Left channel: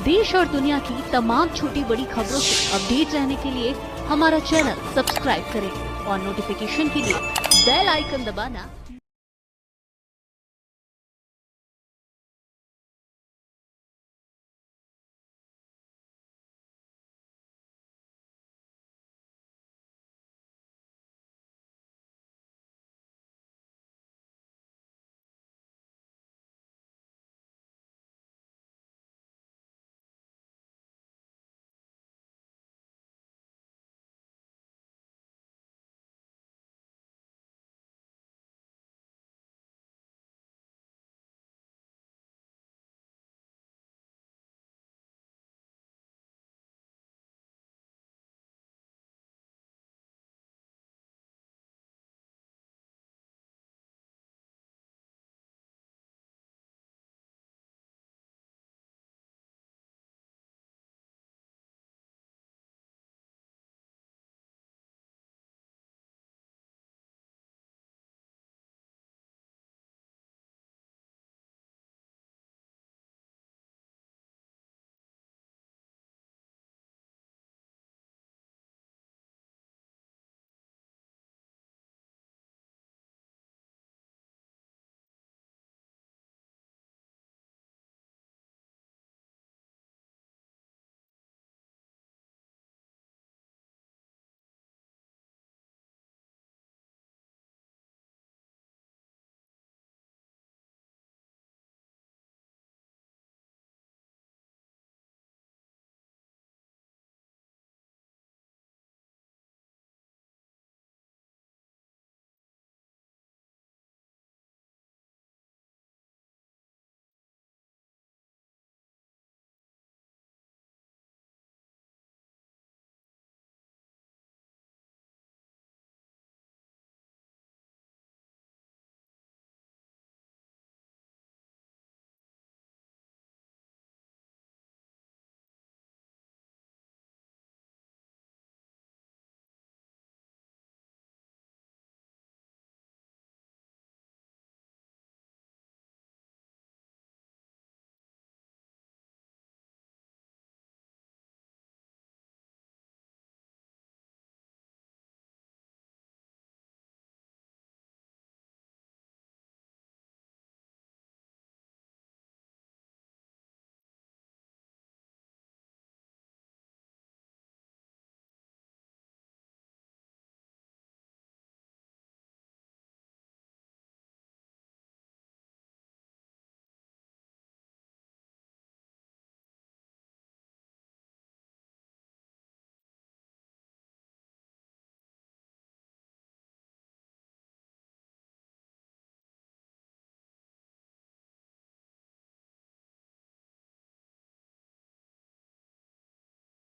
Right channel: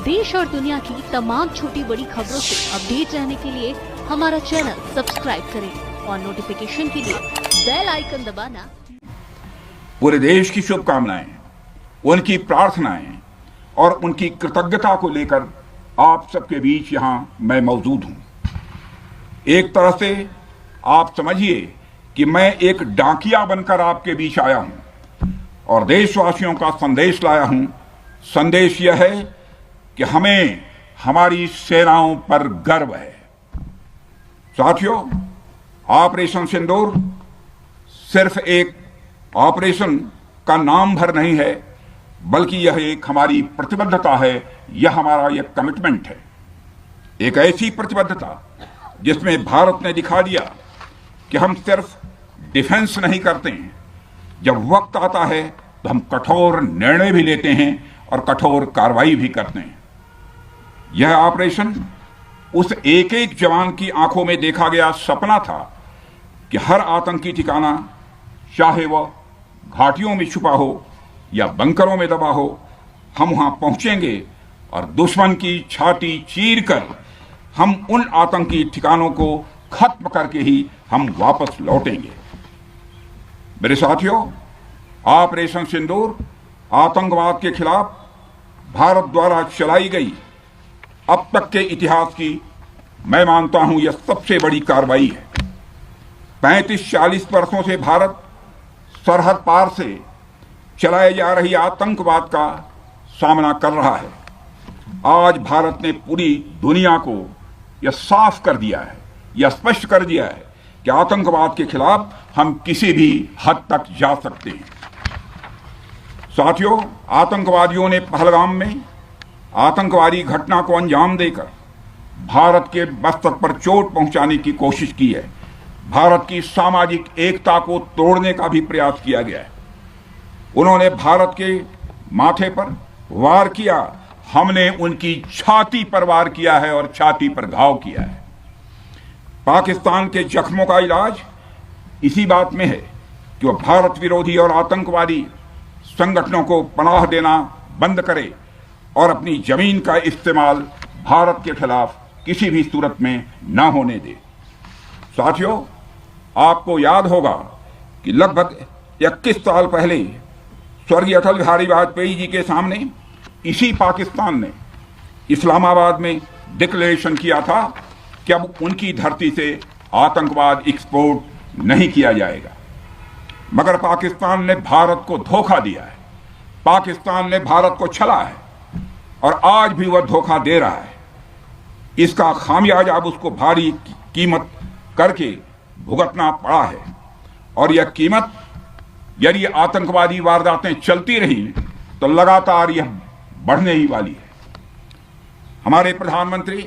देश और दुनिया की तमाम छोटी बड़ी खबरों से अपडेट रहने के लिए हमारा चैनल सब्सक्राइब करें और नोटिफिकेशन के लिए बेल आइकन दबाना। पूरे देश की शुभकामनाएं, उनकी प्रार्थनाएं और उनकी कृतज्ञता को लेकर आप सबके बीच यहां मैं मौजूद हूं। एक तरह से आप समझिए कि मैं एक डाकिया बनकर आपके बीच आया हूं और देशवासियों का संदेश लाया हूं। संदेश यह है कि हमें हमारी सेनाओं पर गर्व है। साथियों, ऑपरेशन सिंदूर सिर्फ एक ऑपरेशन का नाम भर नहीं है, बल्कि यह एक हमारी प्रतिबद्धता है, यह हमारा यह कमिटमेंट है। एक ऐसी प्रतिबद्धता जिसमें भारत ने दिखा दिया कि हम सिर्फ डिफेंस नहीं करते हैं, जब वक्त आता है तो हम कठोर निर्णय भी लेते हैं और कठोर कार्रवाई भी करते हैं। यह ऑपरेशन उस एक एक जवान की आंखों में देखा गया सपना था कि हर आतंकी ठिकाना, चाहे वह घाटियों में छुपा हो या बंकरों में दबा हो, हम वहां पहुंचेंगे और दुश्मन की छाती चीर कर हम उन आतंकी ठिकानों को खत्म करके ही हम वापस लौटेंगे। मेरे साथियों, ऑपरेशन सिंदूर आतंकवाद के खिलाफ भारत द्वारा चलाई गई अब तक के इतिहास की, मैं मानता हूं, यह सबसे बड़ी कार्रवाई है। 35-40 वर्षों से भारत सरहद पार से चलाए जा रही आतंकवाद का सामना कर रहा है। आज भारत ने पूरी दुनिया को यह साफ कर दिया है, यह स्पष्ट कर दिया है कि आतंकवाद के खिलाफ हम किसी भी हद तक जा सकते हैं। साथियों, आतंकवादियों ने पहलगाम में आतंकवादी घटना को अंजाम देकर भारत के मस्तक पर चोट पहुंचाने की कोशिश की है। भारत की सामाजिक एकता को तोड़ने का भी प्रयास किया गया है। उन्होंने भारत के माथे पर वार किया, हमने उनकी छाती पर वार किया है और छाती पर घाव किया है। पाकिस्तान के जख्मों का इलाज इसी बात में है कि वह भारत विरोधी और आतंकवादी संगठनों को पनाह देना बंद करे और अपनी जमीन का इस्तेमाल भारत के खिलाफ किसी भी सूरत में न होने दे। साथियों, आपको याद होगा कि लगभग 21 साल पहले स्वर्गीय अटल बिहारी वाजपेयी जी के सामने इसी पाकिस्तान ने इस्लामाबाद में डिक्लेरेशन किया था कि अब उनकी धरती से आतंकवाद एक्सपोर्ट नहीं किया जाएगा। मगर पाकिस्तान ने भारत को धोखा दिया है, पाकिस्तान ने भारत को छला है और आज भी वह धोखा दे रहा है। इसका खामियाजा अब उसको भारी कीमत करके भुगतना पड़ा है और यह कीमत, यदि आतंकवादी वारदातें चलती रही तो लगातार यह बढ़ने ही वाली है। हमारे प्रधानमंत्री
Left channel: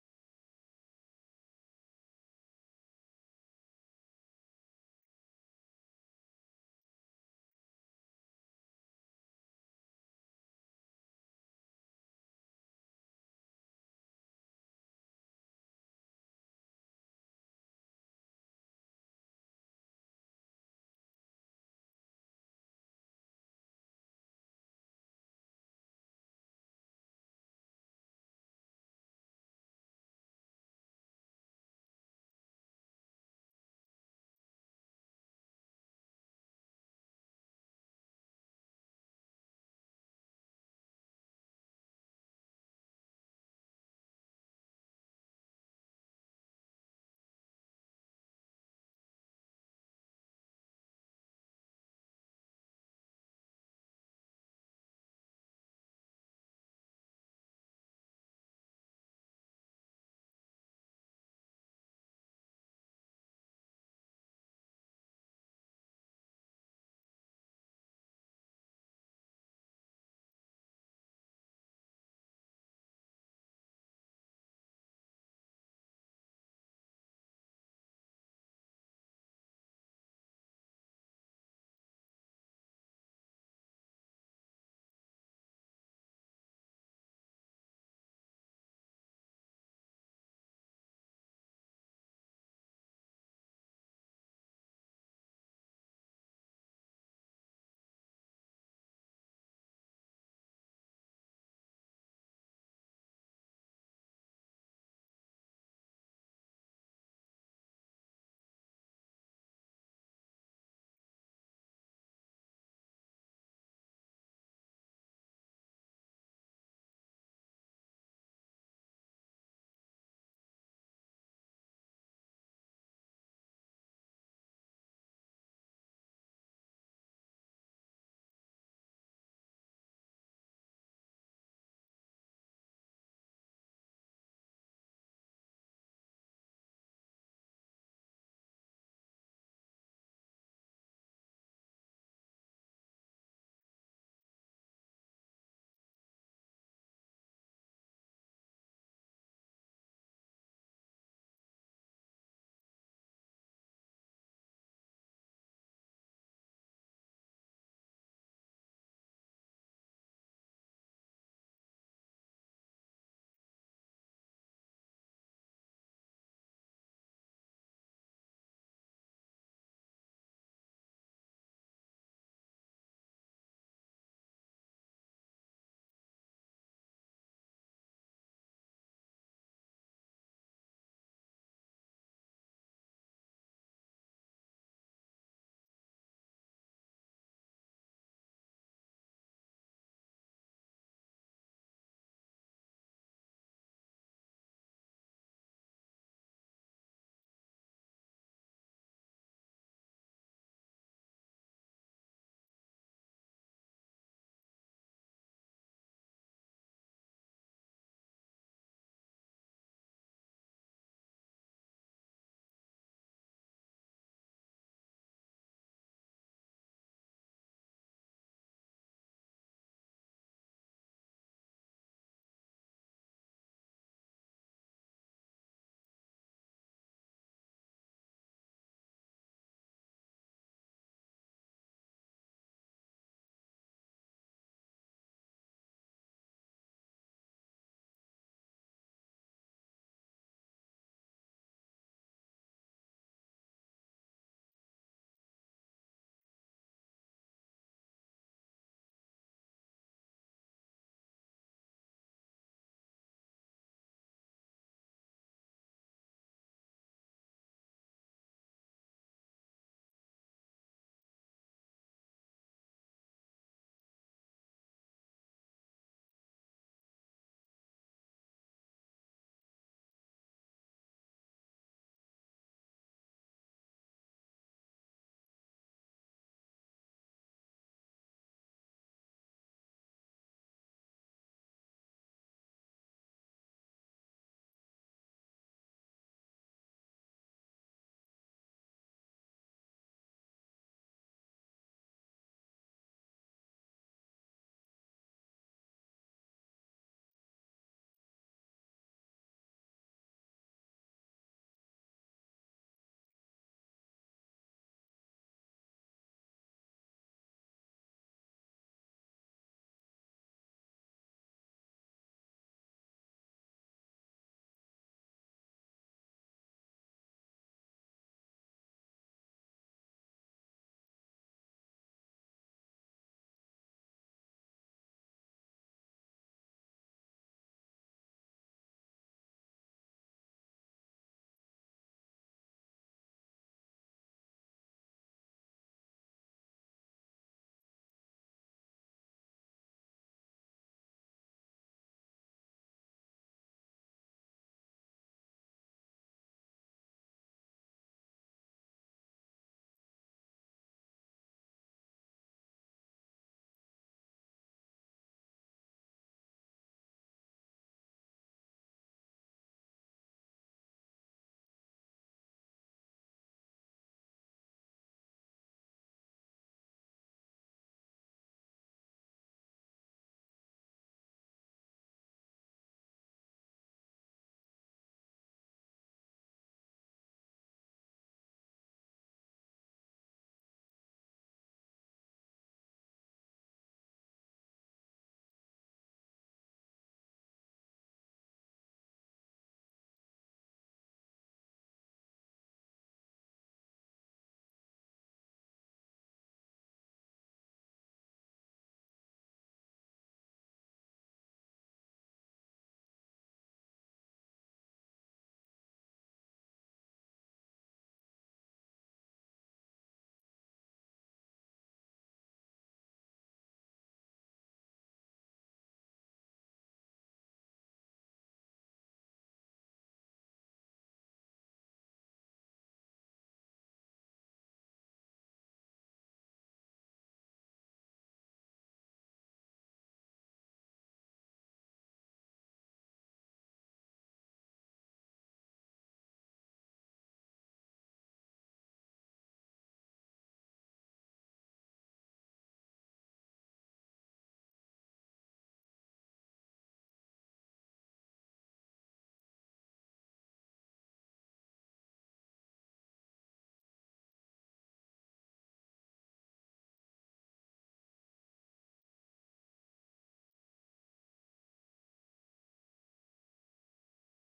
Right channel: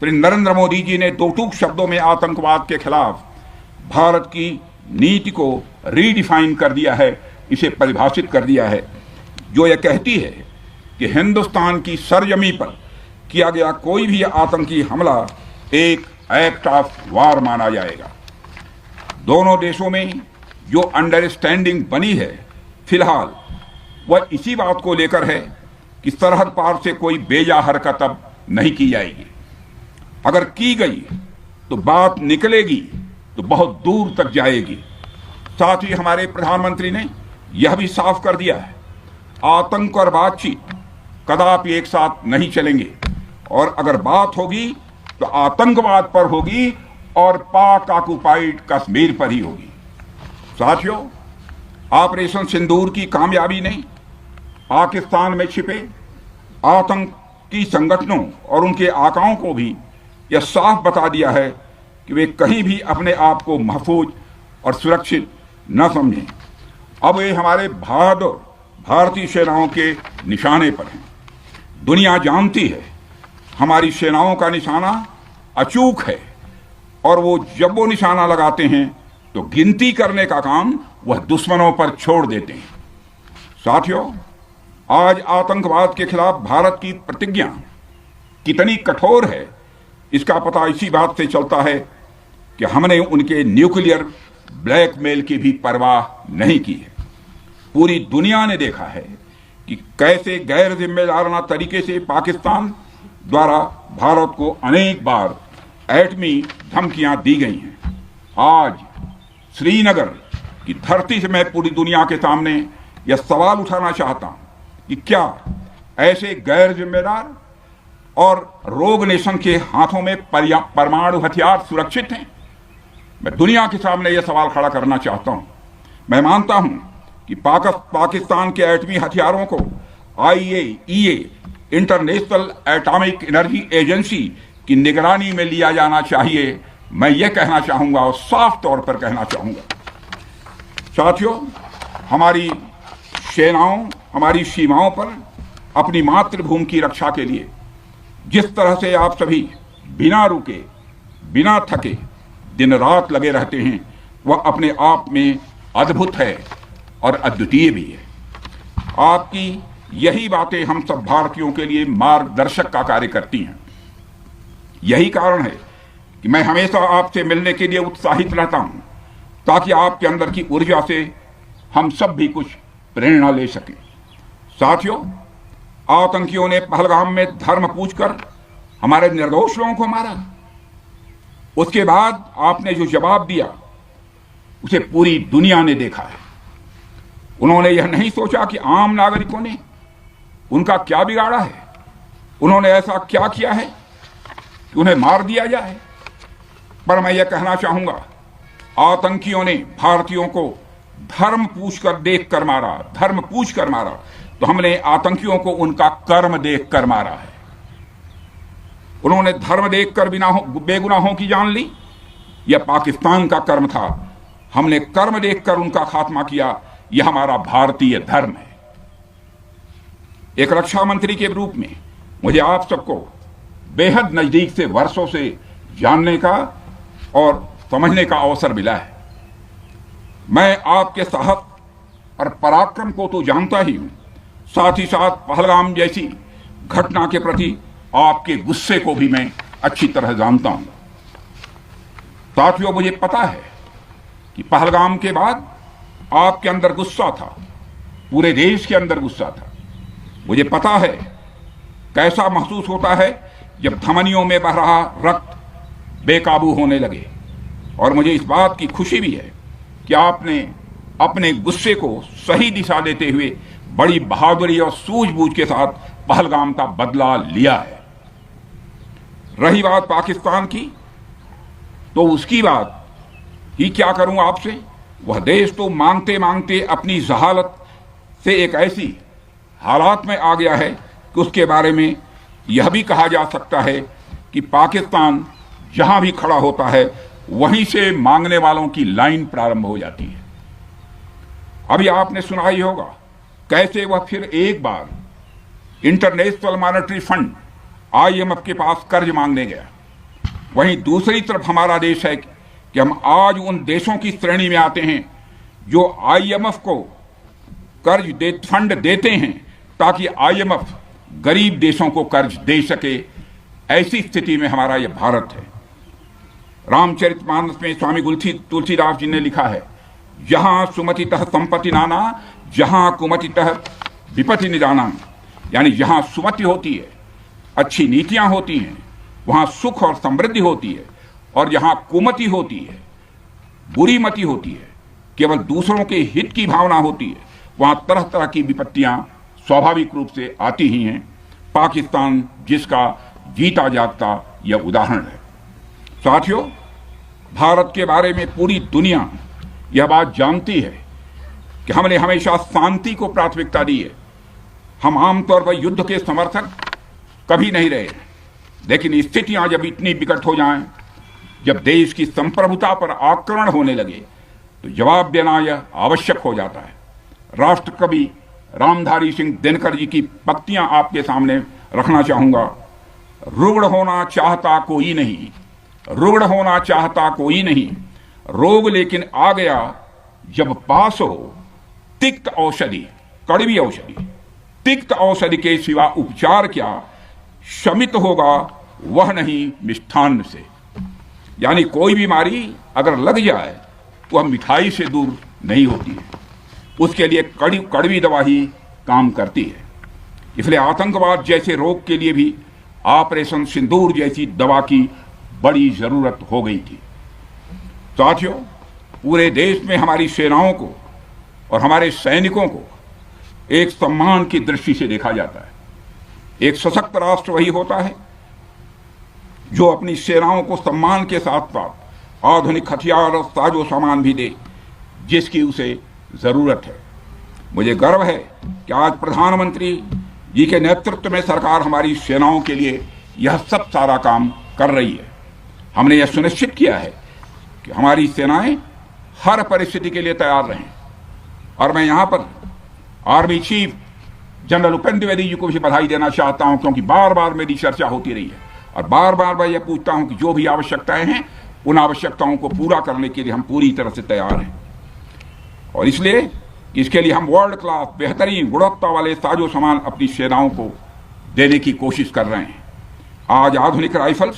श्री नरेंद्र मोदी जी ने दो टूक शब्दों में आतंकवाद के खिलाफ भारत की नीति को रीडिफाइन कर दिया है, इसे परिभाषित कर दिया है, जो यह कहती है कि हिंदुस्तान की सरजमी पर किया गया कोई भी आतंकी हमला एक एक्ट ऑफ वार माना जाएगा। दोनों देशों में जो अंडरस्टैंडिंग बनी है फिलहाल, वह इसी बात को लेकर है कि सरहद पार से कोई बेजा हरकत अब नहीं की जाएगी। अगर की गई तो बात निकलेगी तो बहुत दूर तक जाएगी। साथ ही हमारे प्रधानमंत्री ने यह भी साफ कर दिया है, आतंक और बातचीत कदापि एक साथ नहीं चलेंगे और अगर बात होगी तो आतंकवाद पर होगी और पाक ऑक्युपाइड कश्मीर पर ही होगी। साथियों, ऑपरेशन सिंदूर की कामयाबी ने पाकिस्तान में छिपे आतंकी संगठनों और उनके आकाओं को भी यह साफ बता दिया है कि वे कहीं भी अपने आप को महफूज और सुरक्षित न समझें। अब वे हमारे बहादुर भारतीय सेनाओं के निशाने पर हैं। दुनिया जानती है हमारी सेनाओं का निशाना अचूक है और वो जब वो निशाना लगाते हैं तो गिनती करने का काम वह दुश्मनों पर छोड़ देते हैं। साथियों, आज आतंकवाद के खिलाफ भारत की प्रतिज्ञा कितनी कठोर है, इसका पता इसी बात से चलता है कि हमने उनके न्यूक्लियर ब्लैकमेल की भी परवाह नहीं की है। पूरी दुनिया ने देखा है कि कैसे गैर जिम्मेदाराना तरीके से पाकिस्तान द्वारा भारत को अनेक बार एटमी धमकियां दी गई हैं। आज श्रीनगर की धरती से मैं पूरी दुनिया के सामने यह सवाल उठाना चाहता हूं कि क्या ऐसे गैर जिम्मेदार और रोग नेशन के हाथों में परमाणु हथियार सुरक्षित हैं? मैं दुनिया के सामने यह सवाल खड़ा करना चाहता हूं। मैं मानता हूं कि पाकिस्तान के एटमी हथियारों को IAEA international atomic energy agency की निगरानी में लिया जाना चाहिए। मैं ये कहना चाहूंगा और साफ तौर पर कहना चाहूंगा। साथियों, हमारी सेनाओं हमारी सीमाओं पर अपनी मातृभूमि की रक्षा के लिए जिस तरह से आप सभी बिना रुके बिना थके दिन रात लगे रहते हैं, वह अपने आप में अद्भुत है और अद्वितीय भी है। आपकी यही बातें हम सब भारतीयों के लिए मार्गदर्शक का कार्य करती हैं। यही कारण है कि मैं हमेशा आपसे मिलने के लिए उत्साहित रहता हूं, ताकि आपके अंदर की ऊर्जा से हम सब भी कुछ प्रेरणा ले सकें। साथियों, आतंकियों ने पहलगाम में धर्म पूछकर हमारे निर्दोष लोगों को मारा। उसके बाद आपने जो जवाब दिया उसे पूरी दुनिया ने देखा है। उन्होंने यह नहीं सोचा कि आम नागरिकों ने उनका क्या बिगाड़ा है, उन्होंने ऐसा क्या किया है कि उन्हें मार दिया जाए। पर मैं यह कहना चाहूंगा, आतंकियों ने भारतीयों को धर्म पूछकर देखकर मारा, धर्म पूछकर मारा, तो हमने आतंकियों को उनका कर्म देखकर मारा है। उन्होंने धर्म देखकर बेगुनाहों की जान ली, यह पाकिस्तान का कर्म था। हमने कर्म देखकर उनका खात्मा किया, यह हमारा भारतीय धर्म है। एक रक्षा मंत्री के रूप में मुझे आप सबको बेहद नजदीक से वर्षों से जानने का और समझने का अवसर मिला है। मैं आपके साहस और पराक्रम को तो जानता ही हूं, साथ ही साथ पहलगाम जैसी घटना के प्रति आपके गुस्से को भी मैं अच्छी तरह जानता हूं। साथियों, मुझे पता है कि पहलगाम के बाद आपके अंदर गुस्सा था, पूरे देश के अंदर गुस्सा था। मुझे पता है कैसा महसूस होता है जब धमनियों में बह रहा रक्त बेकाबू होने लगे। और मुझे इस बात की खुशी भी है कि आपने अपने गुस्से को सही दिशा देते हुए बड़ी बहादुरी और सूझबूझ के साथ पहलगाम का बदला लिया है। रही बात पाकिस्तान की, तो उसकी बात ही क्या करूं आपसे। वह देश तो मांगते मांगते अपनी जहालत से एक ऐसी हालात में आ गया है कि उसके बारे में यह भी कहा जा सकता है कि पाकिस्तान जहां भी खड़ा होता है वहीं से मांगने वालों की लाइन प्रारंभ हो जाती है। अभी आपने सुना ही होगा कैसे वह फिर एक बार इंटरनेशनल मॉनेटरी फंड IMF के पास कर्ज मांगने गया। वहीं दूसरी तरफ हमारा देश है कि हम आज उन देशों की श्रेणी में आते हैं जो IMF को फंड देते हैं ताकि IMF गरीब देशों को कर्ज दे सके। ऐसी स्थिति में हमारा यह भारत है। रामचरितमानस में स्वामी तुलसीदास जी ने लिखा है, जहां सुमतितः संपत्ति नाना, जहां कुमतितः विपत्ति निदाना। यानी जहां सुमति होती है, अच्छी नीतियां होती हैं, वहां सुख और समृद्धि होती है, और जहां कुमति होती है, बुरी मति होती है, केवल दूसरों के हित की भावना होती है, वहां तरह तरह की विपत्तियां स्वाभाविक रूप से आती ही हैं। पाकिस्तान जिसका जीता जागता यह उदाहरण है। साथियों, भारत के बारे में पूरी दुनिया यह बात जानती है कि हमने हमेशा शांति को प्राथमिकता दी है। हम आमतौर पर युद्ध के समर्थक कभी नहीं रहे, लेकिन स्थितियां जब इतनी विकट हो जाएं, जब देश की संप्रभुता पर आक्रमण होने लगे, तो जवाब देना यह आवश्यक हो जाता है। राष्ट्र कवि रामधारी सिंह दिनकर जी की पंक्तियां आपके सामने रखना चाहूंगा। रुग्ण होना चाहता कोई नहीं, रुग्ण होना चाहता कोई नहीं, रोग लेकिन आ गया जब पास हो तिक्त औषधि, कड़वी औषधि। तिक्त औषधि के सिवा उपचार क्या, शमित होगा वह नहीं मिष्ठान्न से। यानी कोई बीमारी अगर लग जाए तो वह मिठाई से दूर नहीं होती है, उसके लिए कड़वी दवा ही काम करती है। इसलिए आतंकवाद जैसे रोग के लिए भी ऑपरेशन सिंदूर जैसी दवा की बड़ी जरूरत हो गई थी। साथियों, पूरे देश में हमारी सेनाओं को और हमारे सैनिकों को एक सम्मान की दृष्टि से देखा जाता है। एक सशक्त राष्ट्र वही होता है जो अपनी सेनाओं को सम्मान के साथ साथ आधुनिक हथियार और साजो सामान भी दे जिसकी उसे जरूरत है। मुझे गर्व है कि आज प्रधानमंत्री जी के नेतृत्व में सरकार हमारी सेनाओं के लिए यह सब सारा काम कर रही है। हमने यह सुनिश्चित किया है कि हमारी सेनाएं हर परिस्थिति के लिए तैयार रहें। और मैं यहां पर army chief general Upendra Dwivedi ji को भी बधाई देना चाहता हूं, क्योंकि बार बार मेरी चर्चा होती रही है और बार बार मैं यह पूछता हूं कि जो भी आवश्यकताएं हैं उन आवश्यकताओं को पूरा करने के लिए हम पूरी तरह से तैयार हैं। और इसलिए इसके लिए हम वर्ल्ड क्लास बेहतरीन गुणवत्ता वाले साजो सामान अपनी सेनाओं को देने की कोशिश कर रहे हैं। आज आधुनिक राइफल्स,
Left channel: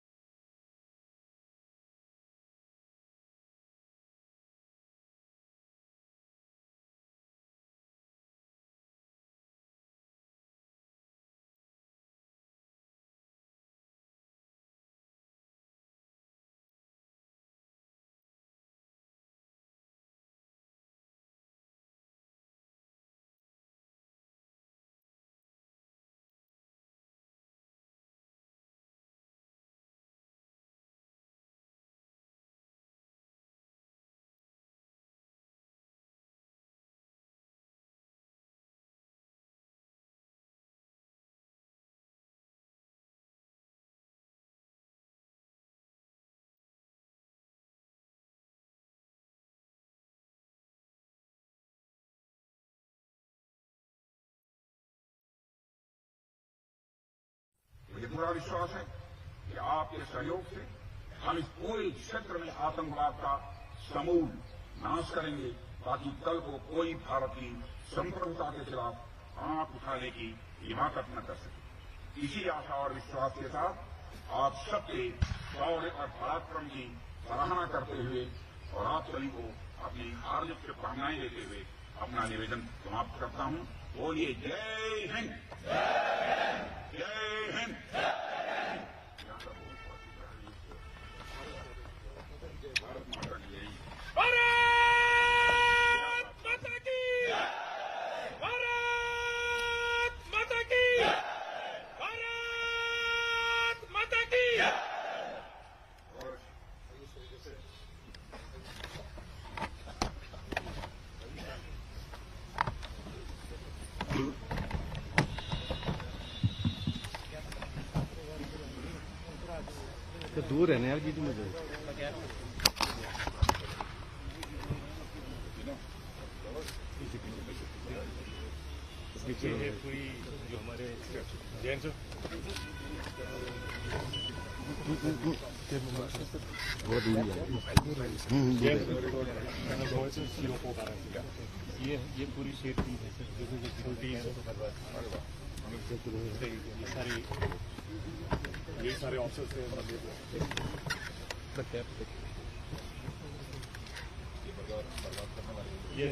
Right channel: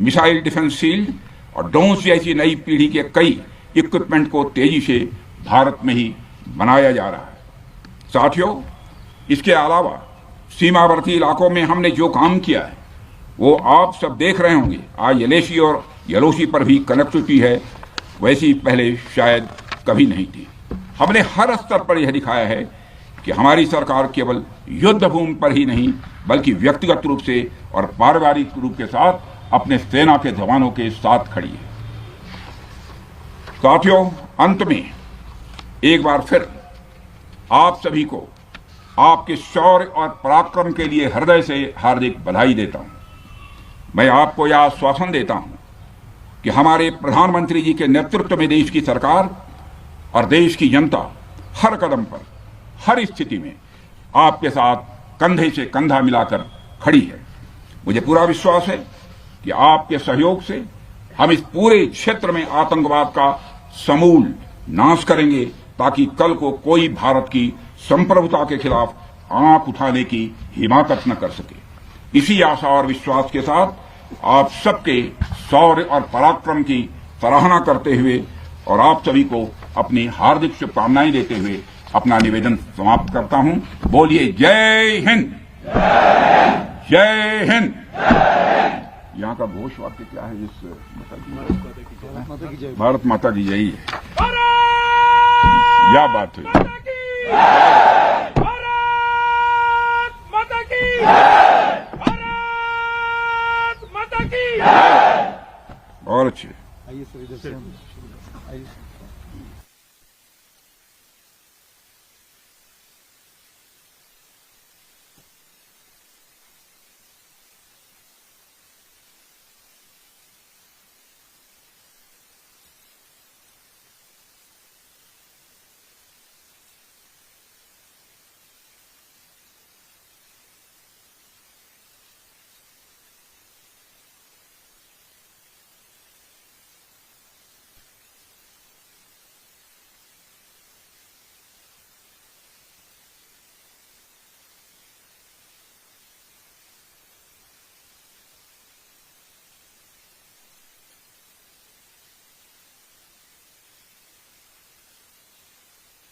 मिसाइल डिफेंस शील्ड और ड्रोन्स जैसी नई पीढ़ी के कई इक्विपमेंट को तेजी से भारत में ही बनाया जा रहा है। साथियों, इसके अलावा सीमावर्ती इलाकों में हमने जो काम किया है वो आप सब देख रहे होंगे। आज एलएसी और यलोसी पर भी कनेक्टिविटी है, वैसी पहले शायद कभी नहीं थी। हमने हर स्तर पर यह दिखाया है कि हमारी सरकार केवल युद्ध भूमि पर ही नहीं बल्कि व्यक्तिगत रूप से और पारिवारिक रूप के साथ अपने सेना के जवानों के साथ खड़ी है। साथियों, अंत में एक बार फिर आप सभी को आपके शौर्य और पराक्रम के लिए हृदय से हार्दिक बधाई देता हूं। मैं आपको यह आश्वासन देता हूं कि हमारे प्रधानमंत्री जी के नेतृत्व में देश की सरकार और देश की जनता हर कदम पर, हर स्थिति में आपके साथ कंधे से कंधा मिलाकर खड़ी है। मुझे पूरा विश्वास है कि आपके सहयोग से हम इस पूरे क्षेत्र में आतंकवाद का समूल नाश करेंगे, ताकि कल को कोई भारत की संप्रभुता के खिलाफ आंख उठाने की हिमाकत न कर सके। इसी आशा और विश्वास के साथ आप सबके शौर्य और पराक्रम की सराहना करते हुए और आप सभी को अपनी हार्दिक शुभकामनाएं देते हुए अपना निवेदन समाप्त करता हूं। बोलिए जय हिंद, जय हिंद। यहाँ का घोष वाक्य क्या है? इस भारत माता की जय है। क्या बात है। और अच्छे दूर है ना यार जी, तुम पूरी जो हमारे जैन से बहुत दूर है। ये पूरी शेप की है, ये सारे ऑफिसर्स ये